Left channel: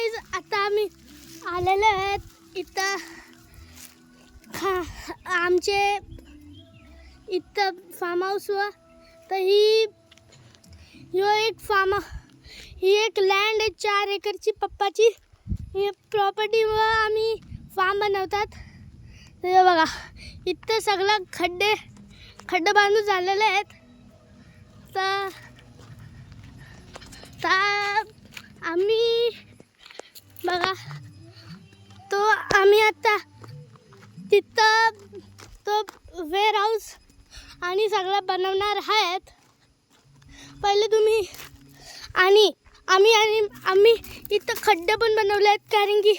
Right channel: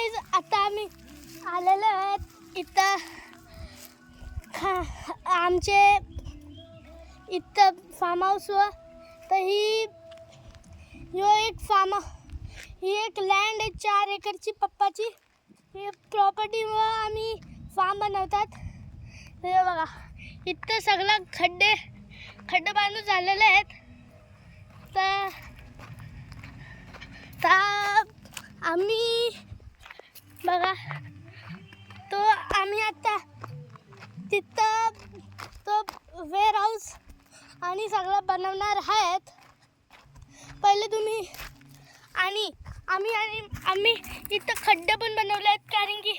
Guys आता आम्ही आलेलो आहेत इथं आमचे इथं फार्म हाऊसवर. तर ही एक लँड आहे 4 एकरची पप्पाची. ही प्रॉपर्टीवर आम्ही फार्म बनवतात. तर हे बघा इथं सगळं खड्डे बांधून झालेले आहेत. तर आम्ही बघा तो आम्ही आता तिथं तो वेअर हाऊस आणि सगळं बनवणार आहेत. पहिले तुम्ही आणि आम्ही इथं खड्डे पण बनवले आहेत, कारण की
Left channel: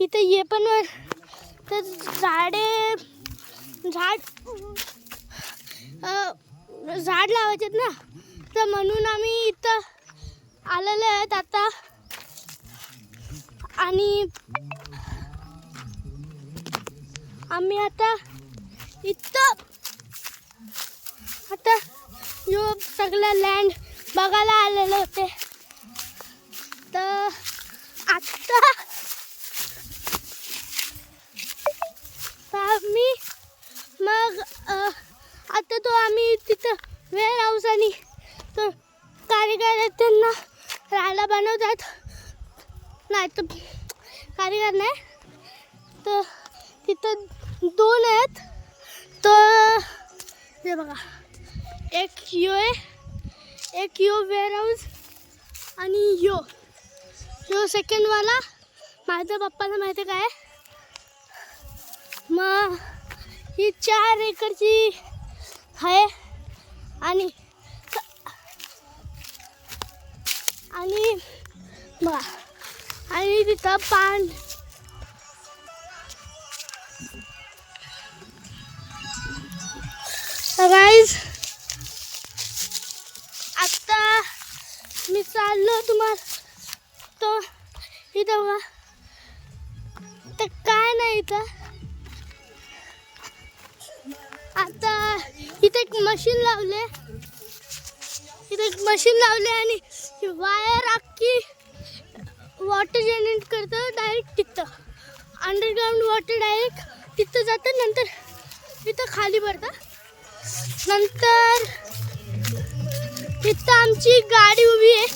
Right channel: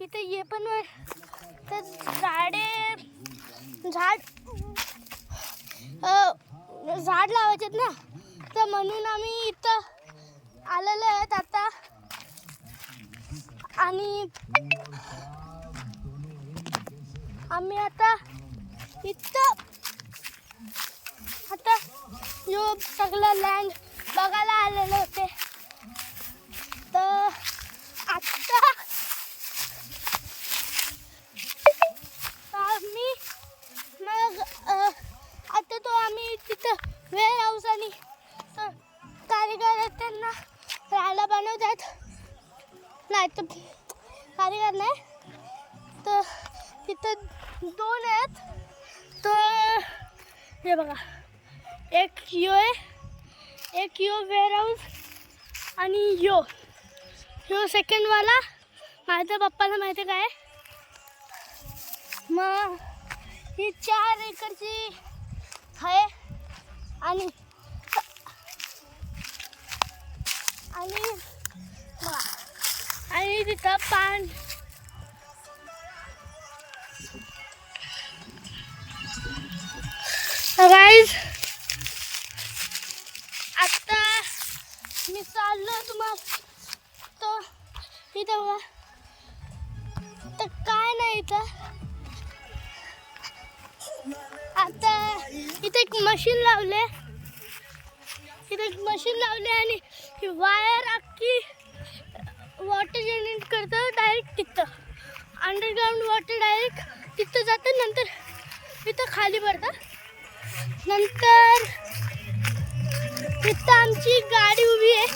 इथं हे पण तर झाड लावायचे ना, तर म्हणून आम्ही इथं आलेले आहेत आता. आणि आम्ही आता इथं यो सगळं लँड बघायला आलेले होते. तर आता आम्ही मग आता तो आम्ही तिथं वेअर हाऊस आणि तो कारीगर आहेत त्यांना राहायला बनवतात. नाही तर कारीगर नाही, तर तिथं 2 आहेत. तर हे बघा एक यो वेअर हाऊस आणि यो सेकंडवाला माझ्या पप्पाला माहिती काय. मग ही 4 एकरची आहे आणि तिथं पान गाईज. आता मी चाललो तुम्हाला तो इथं बघा. तर काय नाही इथं आता इथे एक मशीन लावले आणि ही वायर अख्खी वॉटर जनरेट करतं डायरेक्ट तिथं. अंडरग्राऊंड वॉटर डायरेक्ट तिथं जातं, नंतर तिथं खाली पडतं. नंतर तिथं आमची गाडी उभी आहे.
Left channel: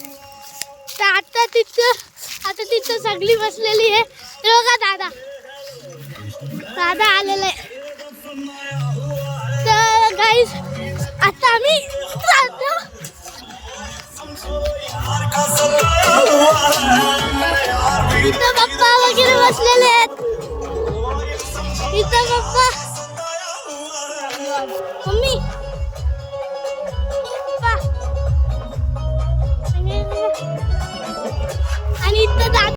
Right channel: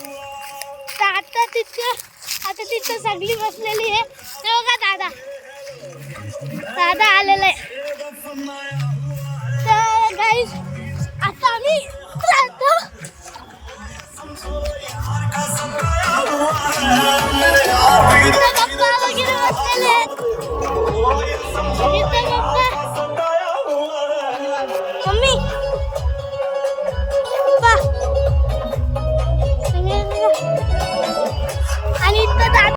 तर आता तिथं सगळी बसलेली आहे. बघा दादा आलेला आहे. तर गाईज आता आम्ही जातो. इथं पप्पा वगैरे बसलेले आहेत. इथं पप्पा मम्मी